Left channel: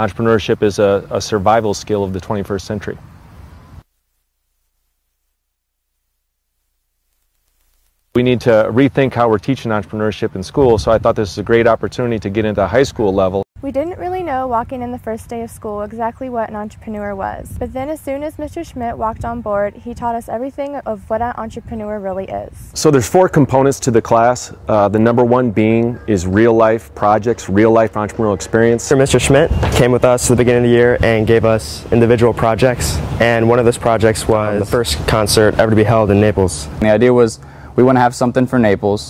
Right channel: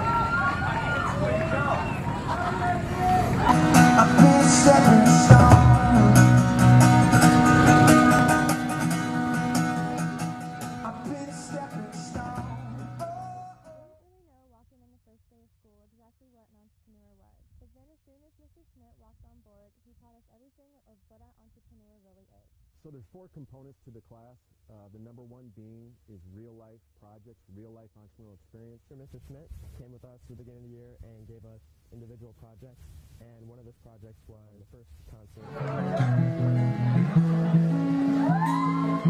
Entrepreneurship is a survival skill of the 21st century. We need to rethink how we're teaching entrepreneurship in school, so I thought this was a great opportunity to get into high school level. We didn't really know walking in the first day of school exactly what an entrepreneur was, but then as soon as Mr. Schmidt walked on board, he taught us everything of what an entrepreneur really is. So there's 4 components to the class. The number one being is real life projects, real life entrepreneurial experience. Mr. Schmidt came with us at the beginning of the year and gave us individual projects, and one of those projects was the first concert ever to be held in Naples. The idea was we want to have something for Naples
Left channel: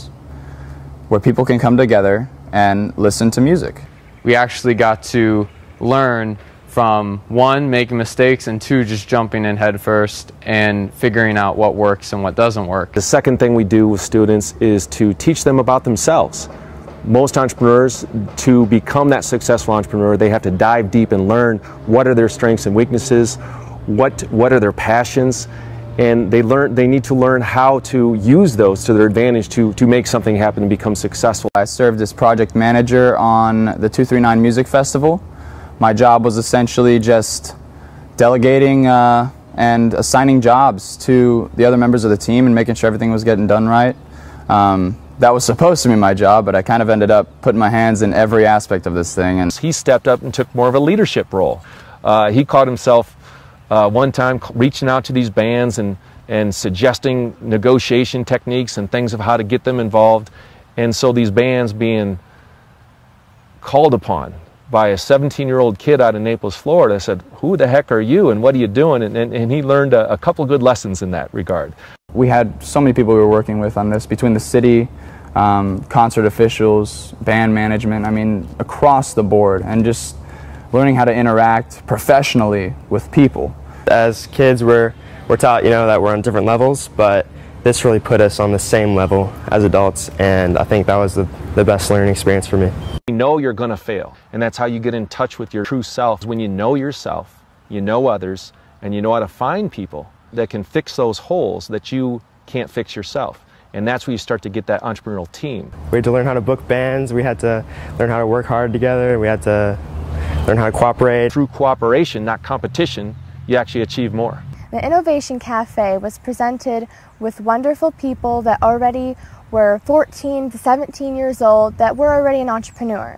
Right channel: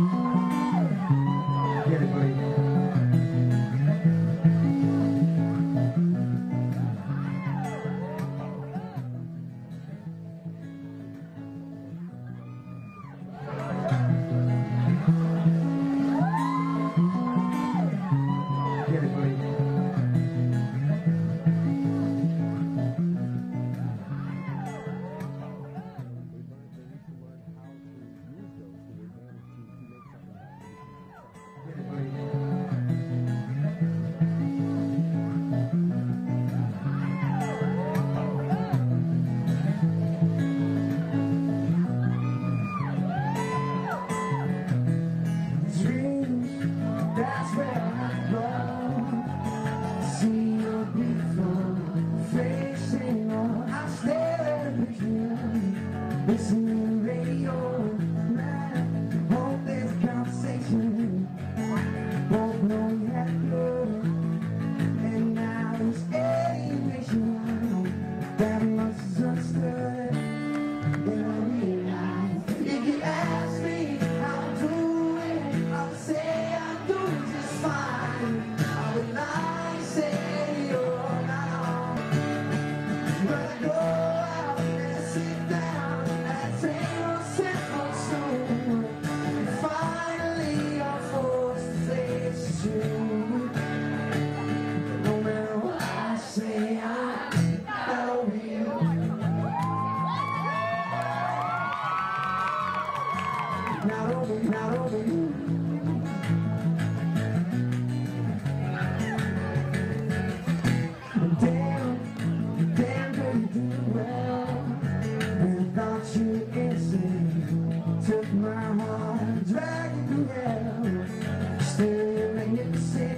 where people can come together and listen to music. We actually got to learn from 1, making mistakes, and 2, just jumping in head first and figuring out what works and what doesn't work. The second thing we do with students is to teach them about themselves. Most entrepreneurs, to become that successful entrepreneur, they have to dive deep and learn what are their strengths and weaknesses, what are their passions, and they need to learn how to use those to their advantage to make something happen and become successful. I served as project manager on the 239 Music Festival. My job was essentially just delegating and assigning jobs to the other members of the team and making sure everything was getting done right. That was supposed to be my job, but I kind of ended up putting my hands in every aspect of this thing. And he stepped up and took more of a leadership role. He caught himself one time reaching out to these bands and suggesting negotiation techniques and things of how to get them involved. And so these bands being called upon by a 17-year-old kid out of Naples, Florida, said, "Who the heck are you and what are you doing?" And he learned a couple good lessons in that regard. We had so many people we were working with on this, between the city, concert officials, band management, I mean, across the board, and just learning how to interact professionally with people. As kids, we're taught, that we're on different levels, but this really put us on the same level as adults, and I think that was the best learning experience for me. You know you're going to fail, and that's how you get in touch with your true self. When you know yourself, you know others, and you know how to find people that can fix those holes that you can't fix yourself. And that's where you start to get that entrepreneurial team. We had to learn how to book bands, we had to learn how to work hard together, we had to learn how to cooperate. Through cooperation, not competition, you actually achieve more. The Innovation Cafe was presented with wonderful people that already were 14, 17 years old, that were already an entrepreneur.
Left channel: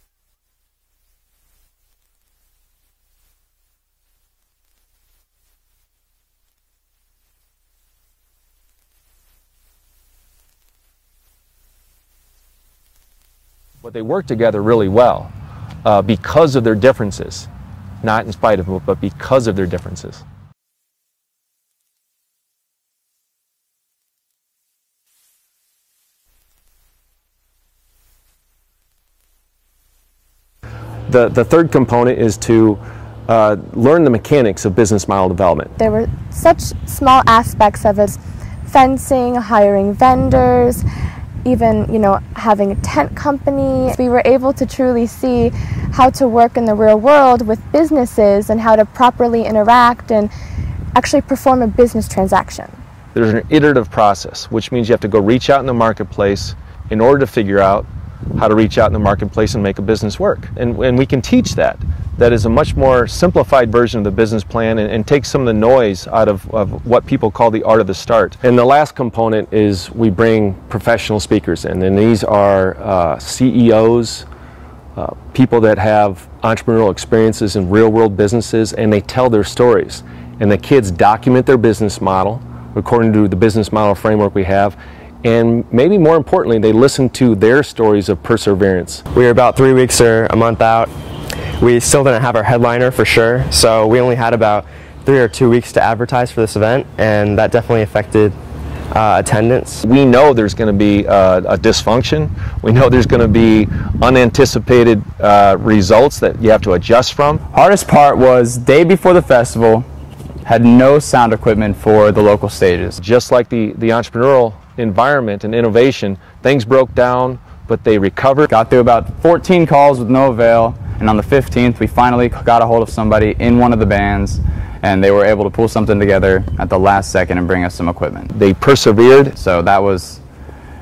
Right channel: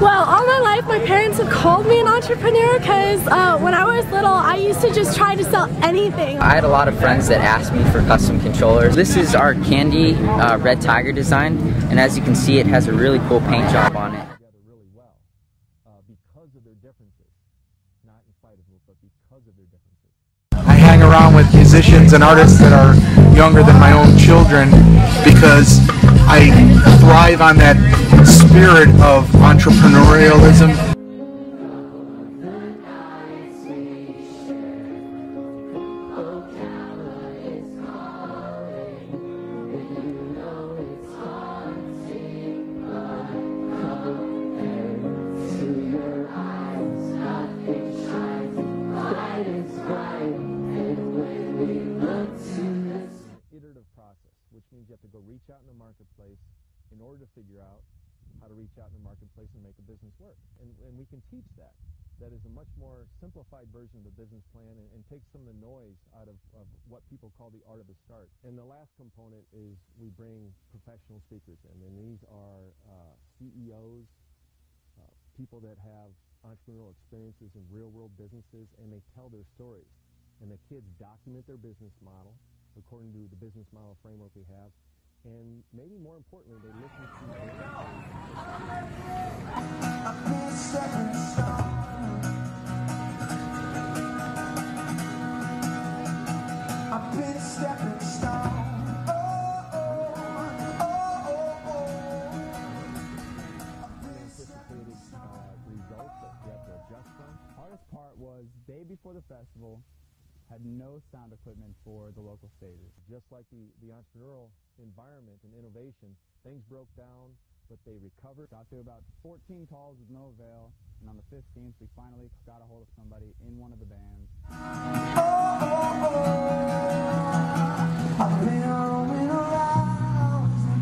Well, all my life my parents have called me an entrepreneur because when I was little I used to just try to sell anything. I had a lot of friends that asked me for custom controllers. This is our candy red tiger design, and as you can see it has a really cool paint job on it. They work together really well because of their differences. Not in spite of them, but because of their differences. I hang around with musicians and artists that are younger than my own children because I thrive on that spirit of entrepreneurialism. The third component is to learn the mechanics of business model development. There were such small aspects of it: fencing, hiring vendors, even having a tent company. We were able to truly see how to work in the real world with businesses and how to properly interact and actually perform a business transaction. There's an iterative process, which means you have to go reach out in the marketplace in order to figure out how to reach out in the marketplace and make a business work. And we can teach that. That is a much more simplified version of the business plan and take some of the noise out of what people call the art of the start. And the last component is we bring professional speakers in, and these are CEOs, people that have entrepreneurial experiences in real-world businesses, and they tell their stories. And the kids document their business model according to the business model framework we have, and maybe more importantly, they listen to their stories of perseverance. We were about 3 weeks or a month out. We still didn't have our headliner for sure, so we only had about 3 or 2 weeks to advertise for this event, and that definitely affected attendance. We know there's going to be a dysfunction. We know there's going to be unanticipated results that you have to adjust from. Hardest part was day before the festival, had no sound equipment for the local stages. Just like the entrepreneurial environment and innovation, things broke down, but they recovered. Got through about 14 calls with no avail, and on the 15th we finally got a hold of somebody in one of the bands, and they were able to pull something together at the last second and bring us some equipment. They persevered. So that was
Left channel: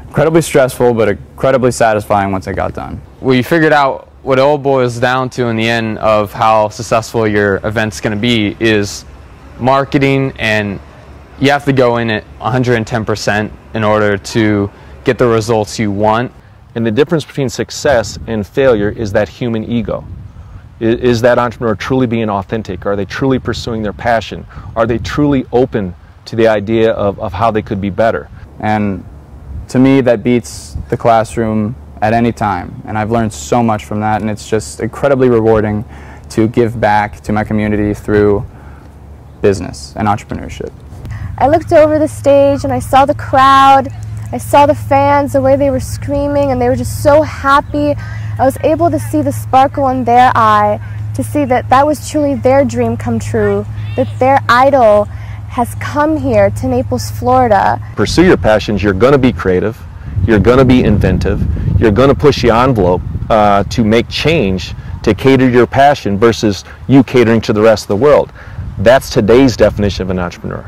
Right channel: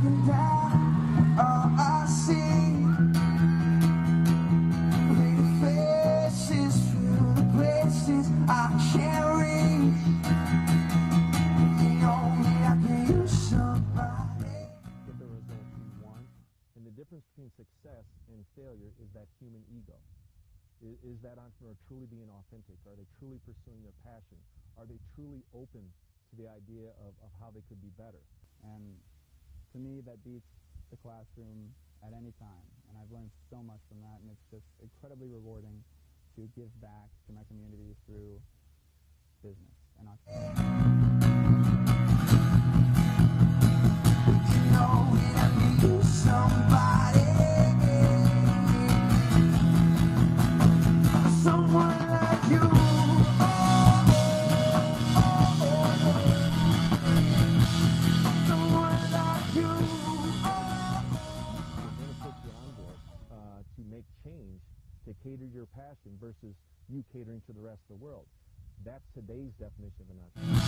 incredibly stressful, but incredibly satisfying once it got done. we figured out what it all boils down to in the end of how successful your event's going to be is marketing, and you have to go in at 110% in order to get the results you want. And the difference between success and failure is that human ego. Is that entrepreneur truly being authentic? Are they truly pursuing their passion? Are they truly open to the idea of how they could be better? And to me, that beats the classroom at any time. And I've learned so much from that, and it's just incredibly rewarding to give back to my community through business and entrepreneurship. I looked over the stage and I saw the crowd, I saw the fans, the way they were screaming, and they were just so happy. I was able to see the sparkle in their eye, to see that that was truly their dream come true, that their idol has come here to Naples, Florida. Pursue your passions. You're going to be creative, you're going to be inventive, you're going to push the envelope to make change, to cater your passion versus you catering to the rest of the world. That's today's definition of an entrepreneur.